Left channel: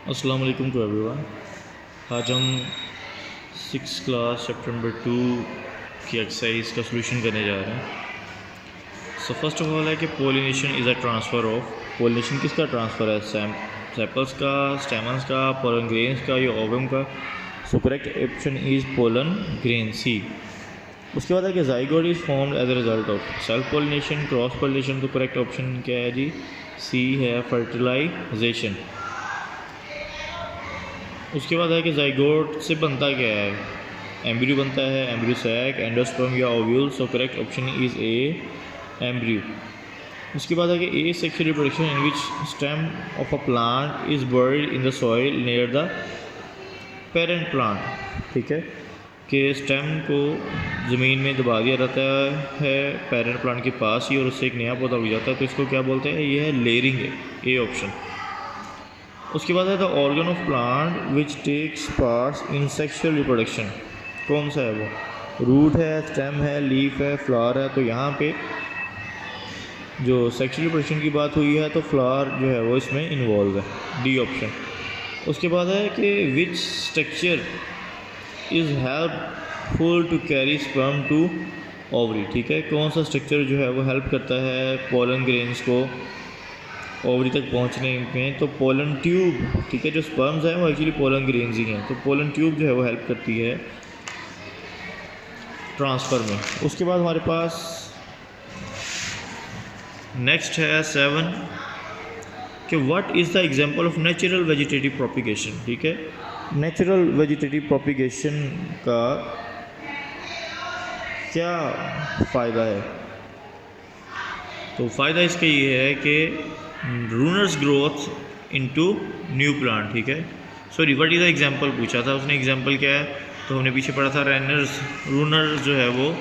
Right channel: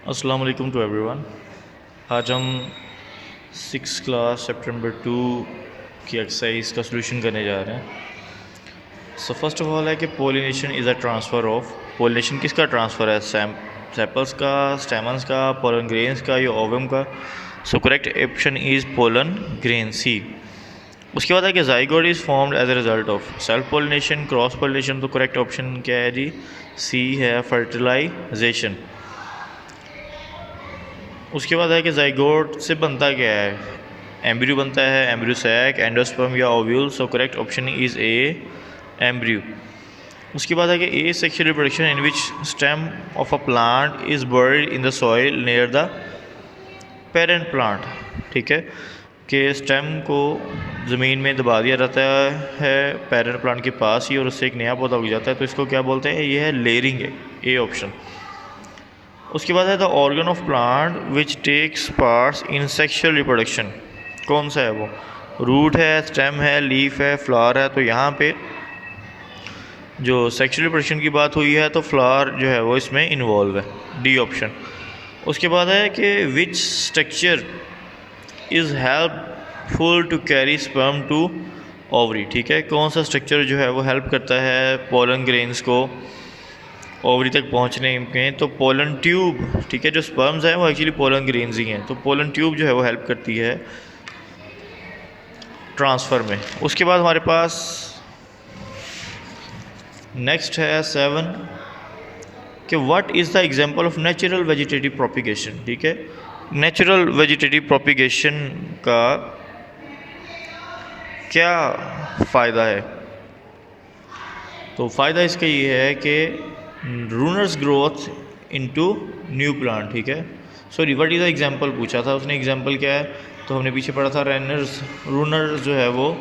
अस्सलाम वालेकुम to everyone. आज हम 6 क्लास सितंबर 2 की एक्सरसाइज का सोल्यूशन करने जा रहे हैं। सो फर्स्ट ऑफ ऑल है कि pollination is a transfer of. Pollination किसका ट्रांसफ़र है? सेपल्स का, स्टेमन्स का, पोलन ग्रेन्स का या ओवम का? So correct option is pollen grain, C. उसके बाद है कि zygote is formed as a result of self pollination, cross pollination. तो करेक्ट ऑप्शन क्या है जी? सी है, फर्टिलाइजेशन। उसके बाद है कि ज़ाइगोट से बनता क्या है? एम्ब्रियो बनता है, एम्ब्रियो सैक, एंडोस्पर्म या ovule. So correct option is A, embryo. उसके बाद है कि asexual reproduction in which stem of a plant is buried in the soil near the parent plant. ठीक है, कि स्टेम को ज़मीन में दबा दिया जाता है पेरेंट प्लांट के पास ही और उससे एक नया पौधा उग जाता है, तो इसको क्या बोलते हैं? ये है लेयरिंग, है ए ऑप्शन। उसके बाद है the organ of plant which takes parts in sexual reproduction. कौन सा है वो? रूट है, स्टेम है, लीफ है, फ्लावर है। तो यहाँ पे जो सेक्शुअल रिप्रोडक्शन की बात हुई है तो फ्लावर जो है वो इसमें इन्वॉल्व है, डी ऑप्शन। उसके बाद है कि which structure is helpful to carry sperm to ovary. ठीक है, कौन सा स्ट्रक्चर जो है वो हेल्प करता है पोलन ग्रेन्स को ओवरी तक पहुंचने में? तो पोलन ट्यूब। ठीक है, जो स्पर्म्स हैं वो एक्चुअली पोलन ग्रेन्स ही हैं, तो पोलन ट्यूब जो है वो हेल्प करती है ट्रांसफ़र में। उसके बाद हमारे पास नेक्स्ट है 7 कि what is the example of natural vegetative propagation. ठीक है, नेचुरल वेजिटेटिव प्रोपिगेशन का क्या फ़ायदा है? तो फ़ायदा इसका ये है कि रूनर्स ग्रोथ इनटू न्यू प्लांट। ठीक है, sorry what is the example पूछा था उसने। एग्जांपल क्या है? तो हमने पीछे पढ़ा था रनर्स, रूनर जो है वो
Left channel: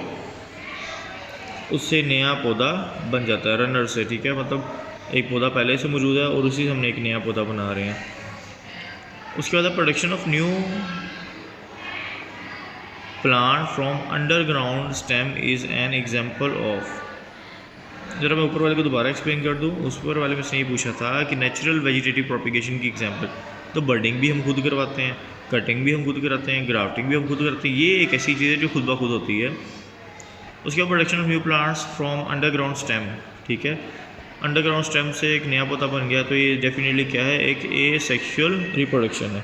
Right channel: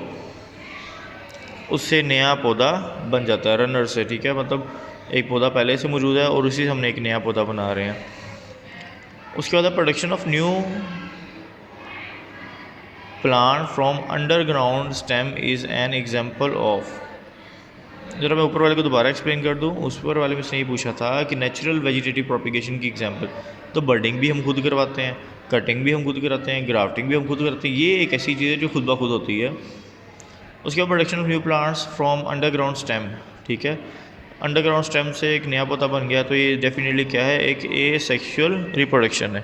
उससे नया पौधा बन जाता है रनर से। ठीक है, मतलब एक पौधा पहले से मौजूद है और उसी से हमने एक नया पौधा बना रहे हैं। उसके बाद production of new plant from underground stem is an example of. जरा मैं ऊपर वाले को दोबारा एक्सप्लेन कर दूँ। उस पर वाले में से ये पूछा था कि नेचुरल वेजिटेटिव प्रोपिगेशन की एग्जांपल, तो बर्डिंग भी हम खुद करवाते हैं, कटिंग भी हम खुद कराते हैं, ग्राफ्टिंग भी हम खुद करते हैं। ये एक ऐसी चीज़ है जो खुद ब खुद होती है। उसके बाद production of new plants from underground stem. ठीक है, अंडरग्राउंड स्टेम से एक नया पौधा बन गया, तो ये डेफिनेटली क्या है? एक ए सेक्शुअल रिप्रोडक्शन है।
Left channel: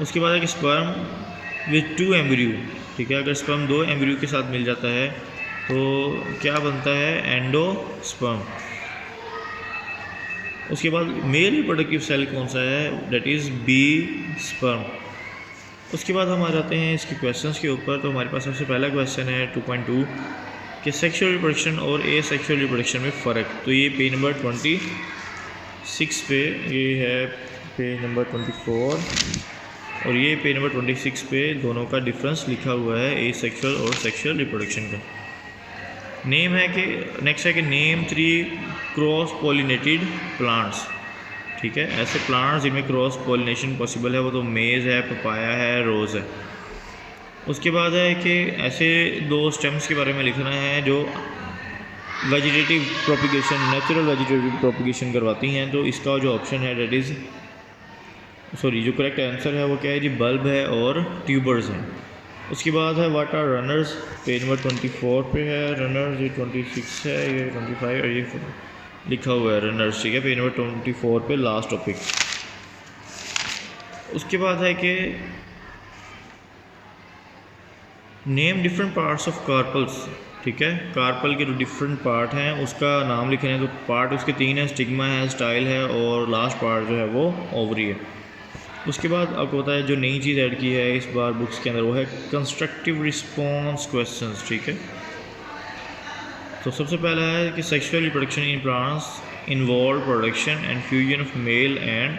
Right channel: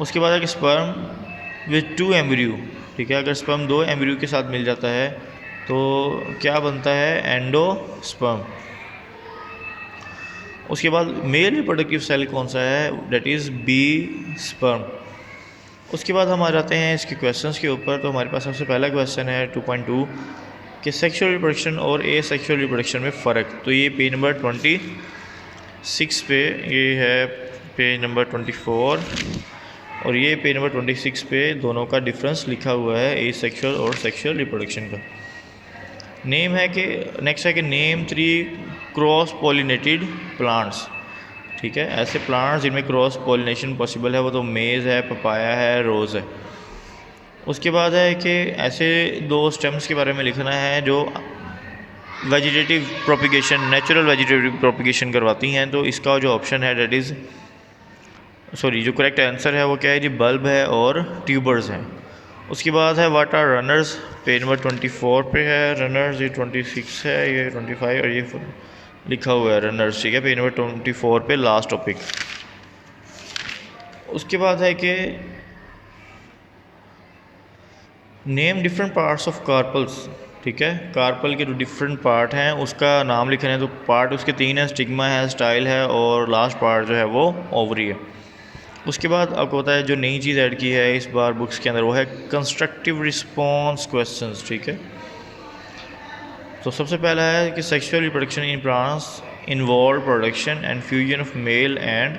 उसके बाद एक स्पर्म विथ 2 एम्ब्रियो। ठीक है, अगर स्पर्म 2 एम्ब्रियो के साथ मिल जाता है तो क्या बनता है? एंडोस्पर्म। उसके बाद मेल रिप्रोडक्टिव सेल कौन सा है? That is B sperm. उसके बाद हम आ जाते हैं इसके क्वेश्चंस के ऊपर। तो हमारे पास सबसे पहला क्वेश्चन है 2.2 कि सेक्सुअल रिप्रोडक्शन और ए सेक्सुअल रिप्रोडक्शन में फ़र्क। तो ये पेज नंबर 26 पे, ये है पेज नंबर 24 और ये पेज नंबर 26 पे दोनों का डिफरेंस लिखा हुआ है ए सेक्सुअल और सेक्सुअल रिप्रोडक्शन का। नेम है कि नेक्स्ट है कि नेम 3 क्रॉस पॉलिनेटेड प्लांट्स। ठीक है, ऐसे प्लांट्स जिनमें क्रॉस पॉलिनेशन पॉसिबल है वो तो मेज़ है, पपाया है, रोज़ है। उसके बाद है कि ऐसे 2 स्टेम्स के बारे में लिखना है जो vegetative propagation, natural vegetative propagation करवाती हैं। तो इसका जो ऑप्शन है डेट इज़ सॉरी जो करेक्ट आंसर है वो क्या है जी? बल्ब है और ट्यूबर्स हैं। उसके बाद है what are runners, page number 24 पे है रनर्स, ये 26 है, ये 25 और ये लिखा हुआ है रनर्स। ठीक है, पेज नंबर 24 पे लास्ट टॉपिक। उसके बाद है कि name different parts of carpels. ठीक है, कार्पल के जो डिफरेंट पार्ट हैं उसका नाम लिखना है। तो पार्ट उसके 3 हैं, स्टिग्मा है, स्टाइल है और लास्ट पार्ट जो है वो ओवरी है। उसके बाद आपको पता है जो नई चीज़ ऐड की है इस बार बुक्स के अंदर वो है कंस्ट्रक्टिव रिस्पॉन्स क्वेश्चंस। ठीक है, तो सबसे पहला है कि sexual reproduction in plants involve production and fusion of male and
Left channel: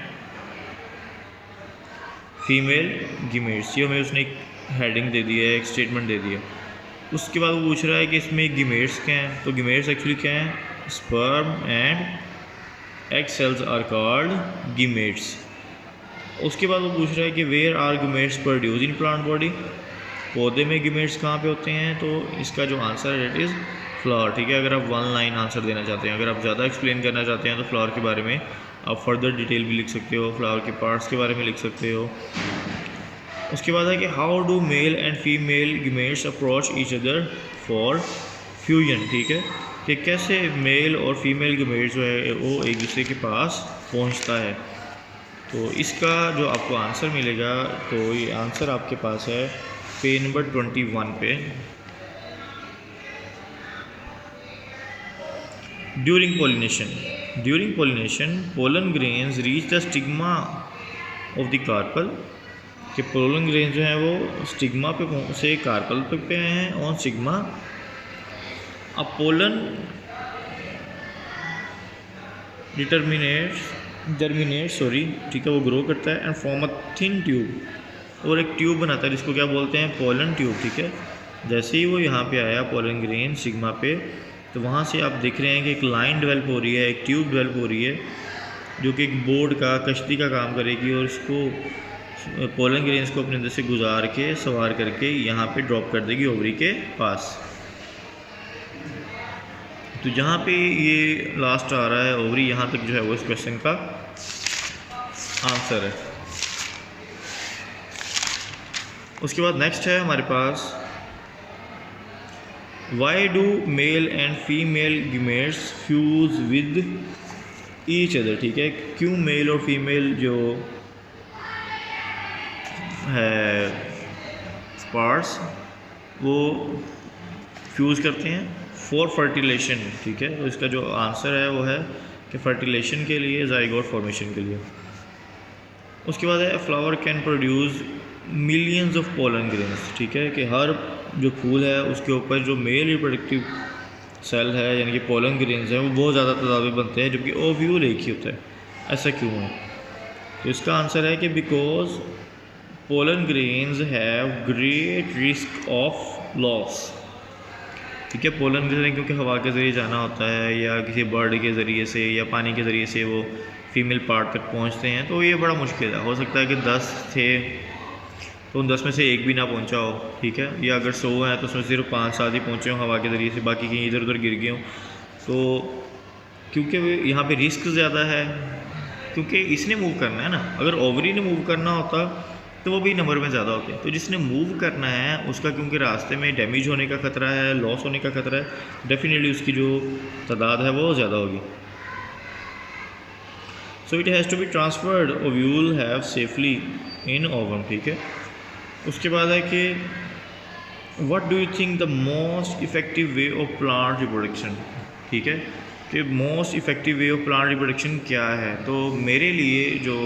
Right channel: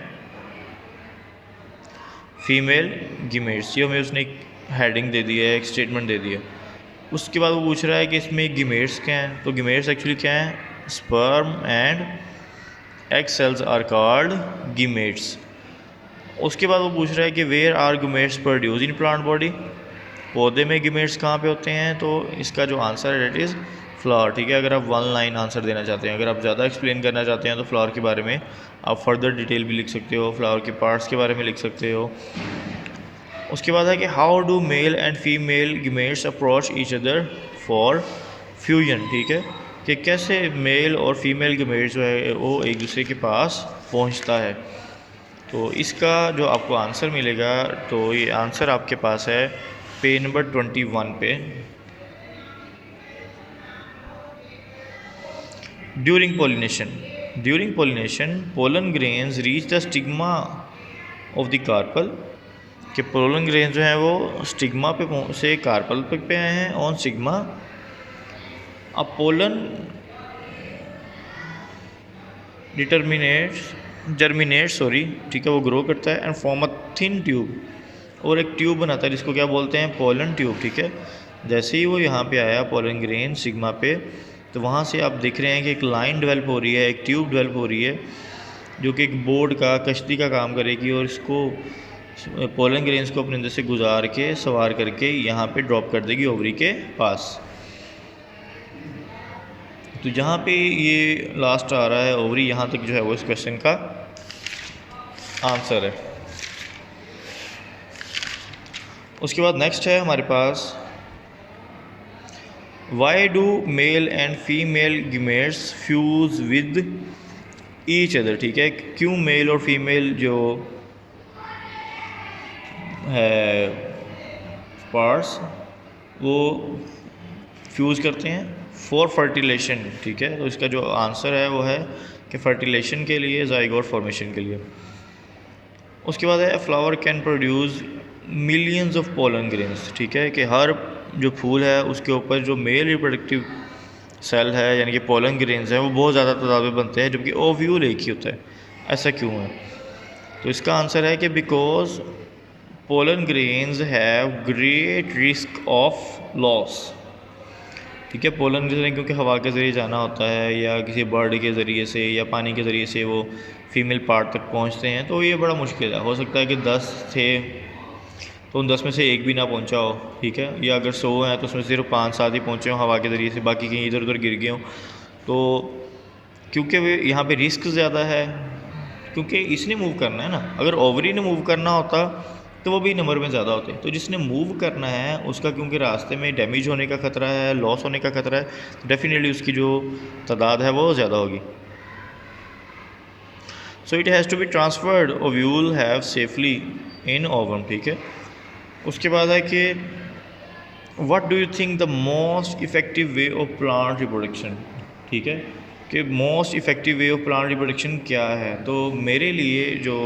female gametes. ये हमें उसने एक हेडिंग दे दी है, एक स्टेटमेंट दे दी है। उसके बाद वो पूछ रहा है कि इसमें गिमेट्स क्या हैं। तो गिमेट्स एक्चुअली क्या हैं? Sperm and egg cells are called gametes. उसके बाद वो पूछ रहा है कि where are gametes produce in plant body. पौधे में गिमेट्स कहाँ पे होते हैं? तो इसका जो आंसर है डेट इज़ फ्लावर। ठीक है, अगर आप 1 लाइन आंसर देना चाहते हैं, अगर आप ज़्यादा एक्सप्लेन करना चाहते हैं तो फ्लावर के बारे में आप फर्दर डिटेल भी लिख सकते हो, फ्लावर के पार्ट्स के बारे में लिख सकते हो। उसके बाद है कि how do male and female gametes approach each other for fusion, ठीक है, कि कैसे मेल और फीमेल गीमेट्स जो है वो एक दूसरे के पास पहुंचता है। तो इसका जो आपको आंसर मिलेगा, तो ये आंसर आपके पास है पेज नंबर 21 पे। During pollination pollen grains reach the stigma of the carpel, कि पोलन ग्रेन्स जो हैं वो स्टिग्मा पे से कार्पल पे आए हैं ऑन स्टिग्मा। अब पोलन जर्मिनेट ठीक है, वो ग्रो करता है and form a thin tube, और एक ट्यूब बनाता है जिसको क्या बोलते हैं, पोलन ट्यूब, ठीक है। जैसे ही वो यहाँ पे आया पोलन ग्रेन सिग्मा पे, तो वहाँ से आप देख रहे हैं कि एक लाइन डेवलप हो रही है, एक ट्यूब डेवलप हो रही है जो कि एक बोर्ड का, कश्ती का काम करेगी, और इसको पोलन ग्रेन्स को अपने अंदर से गुजार के सवार करके यहाँ पे ड्रॉप कर देगी ओवरी के पास। तो जहाँ पे ये लास्ट आ रहा है ओवरी, यहाँ तक जो है वो इस क्वेश्चन का आंसर है। उसके बाद नेक्स्ट है हमारे पास, why do male and female gametes fuse with each other, ठीक है, क्यों मेल और फीमेल जो है पार्ट्स वो फ्यूज़ करते हैं फॉर फर्टिलेशन, ठीक है। तो इसका जो आंसर है वो है कि फर्टिलेशन के लिए, ज़ाइगोट फॉर्मेशन के लिए। उसके बाद है flower can produce millions of pollen grains, ठीक है, कि हर जो फूल है उसके ऊपर जो मेल रिप्रोडक्टिव सेल है यानी कि पोलन ग्रेन्स हैं वो बहुत ज़्यादा तादाद में बनते हैं, जबकि ओव्यूल एक ही होता है। ऐसा क्यों है? तो इसका आंसर है कि because pollen grains have great risk of loss, ठीक है। पोलन ग्रेन क्योंकि हवा के ज़रिए जाना होता है या किसी बर्ड के ज़रिए से या पानी के ज़रिए से वो फीमेल पार्ट तक पहुंचते हैं, तो ये बड़ा मुश्किल है। हो सकता है कि 10 थे तो उन 10 में से एक भी ना पहुंचा हो, ठीक है, या अगर 100 हैं तो उसमें सिर्फ 5-7 ही पहुंचे हों हवा के ज़रिए से, बाकी कहीं इधर उधर गिर गए हों। तो क्योंकि वे यहाँ पे रिस्क ज़्यादा है, क्योंकि इसने मूव करना है ना, अगर ओवरी ने मूव करना होता तो वो भी नंबर में ज़्यादा होते हैं। तो जिसने मूव करना है उसका क्योंकि रास्ते में डैमेज होने का ख़तरा है, लॉस होने का ख़तरा है, तो डेफिनेटली उसकी जो तादाद है वो ज़्यादा होगी। So it has to be transferred ovule have safely in ovum, ठीक है। उसके बाद है कि what do you think the most effective way of plant reproduction, ठीक है, कि most effective way of plant reproduction क्या है। तो मेरे लिए जो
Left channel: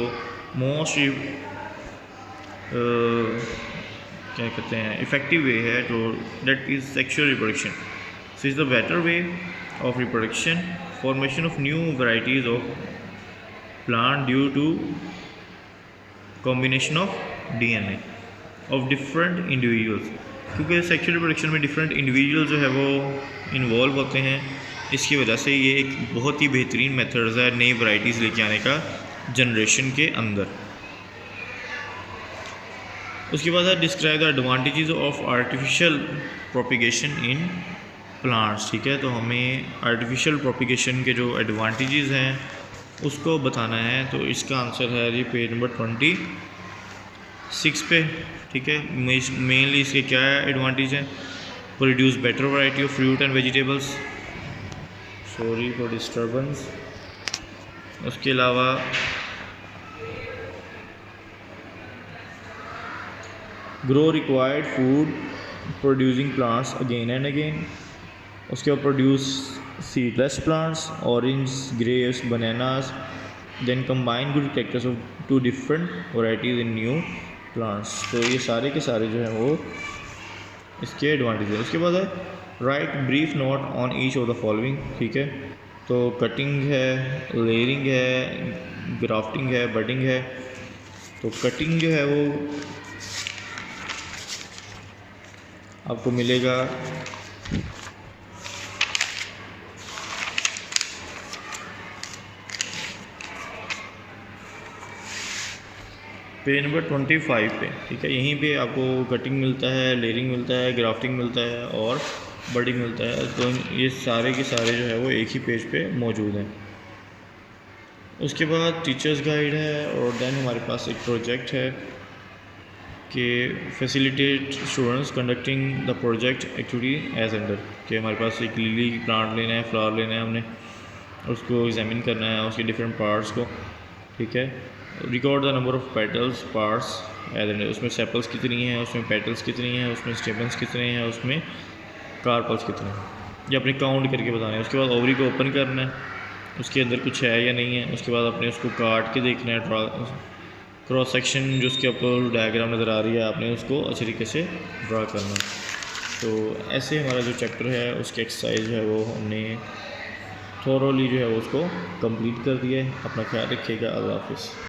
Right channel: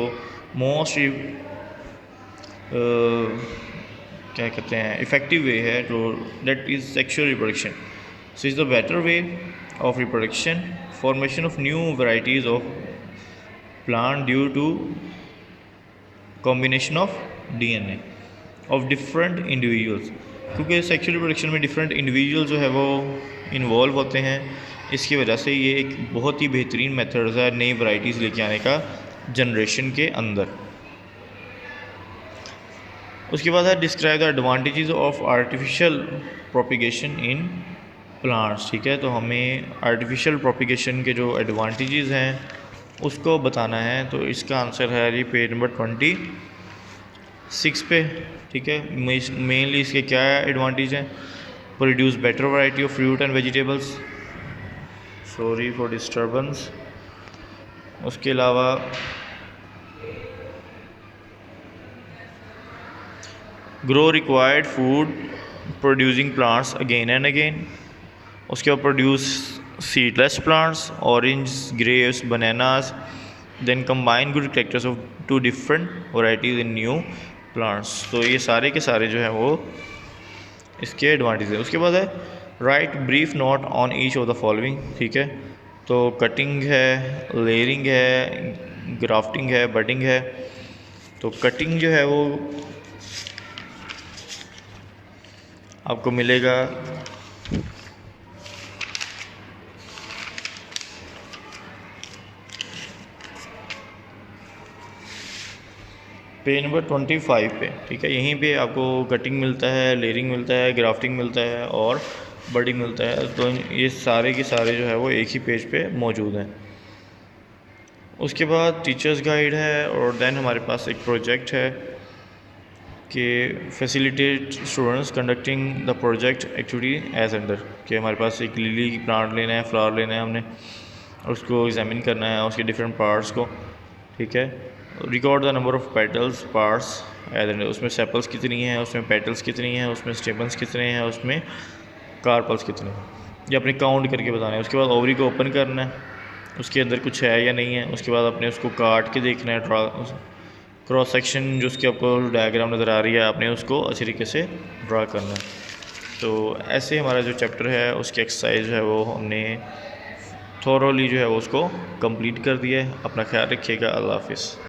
मोस्ट क्या कहते हैं इफ़ेक्टिव वे है, तो that is sexual reproduction. So is the better way of reproduction, formation of new varieties of plant due to combination of DNA of different individuals, क्योंकि सेक्सुअल रिप्रोडक्शन में डिफरेंट इंडिविजुअल जो है वो involve होते हैं। इसकी वजह से ये एक बहुत ही बेहतरीन मेथड्स है नई वैराइटीज़ लेके आने का जनरेशन के अंदर। उसके बाद है describe the advantages of artificial propagation in plants, ठीक है। तो हमें आर्टिफिशियल प्रोपिगेशन के जो एडवांटेजेस हैं उसको बताना है। तो इसका आंसर है ये पेज नंबर 26 पे, ठीक है। मेनली इसके क्या एडवांटेज हैं, produce better variety of fruit and vegetables, sorry for disturbance. उसके अलावा grow required food producing plants again and again. उसके बाद produce seedless plants, orange, grapes, bananas, then combine good characters of 2 different varieties in new plants. तो ये सारे के सारे जो हैं वो इसके एडवांटेज है। उसके बाद है right brief note on each of the following, ठीक है। तो कटिंग है, लेयरिंग है, ग्राफ्टिंग है, बडिंग है। तो कटिंग जो है वो आपको मिलेगा पेज नंबर 25 पे, ठीक है। यहीं पे आपको कटिंग मिलता है, लेयरिंग मिलता है, ग्राफ्टिंग मिलता है और बडिंग मिलता है। तो ये सारे के सारे जो है वो एक ही पेज पे मौजूद हैं। उसके बाद टीचर्स गाइड है और देन हमारे पास एक प्रोजेक्ट है कि facilitate students conducting the project activity as under, कि हमारे पास एक लिली प्लांट लेना है, फ्लावर लेना है, हमने उसको एग्जामिन करना है, उसके डिफरेंट पार्ट्स को, ठीक है। Record the number of petals parts as under, उसमें सेपल्स कितनी हैं, उसमें पेटल्स कितनी हैं, उसमें स्टेपल्स कितने हैं, उसमें कार्पल्स कितने हैं, ये अपने काउंट करके बताना है। उसके बाद ओवरी को ओपन करना है, उसके अंदर कुछ है या नहीं है। उसके बाद अपने उसको काट के देखना है, क्रॉस सेक्शन जो उसके ऊपर डायग्राम नज़र आ रही है, आपने उसको अच्छी तरीके से ड्रा करना है। तो ऐसे हमारा जो चैप्टर है उसकी एक्सरसाइज है वो हमने थोरोली जो है वो उसको कंप्लीट कर दिया है। अपना ख्याल रखिएगा। अल्लाह हाफिज़।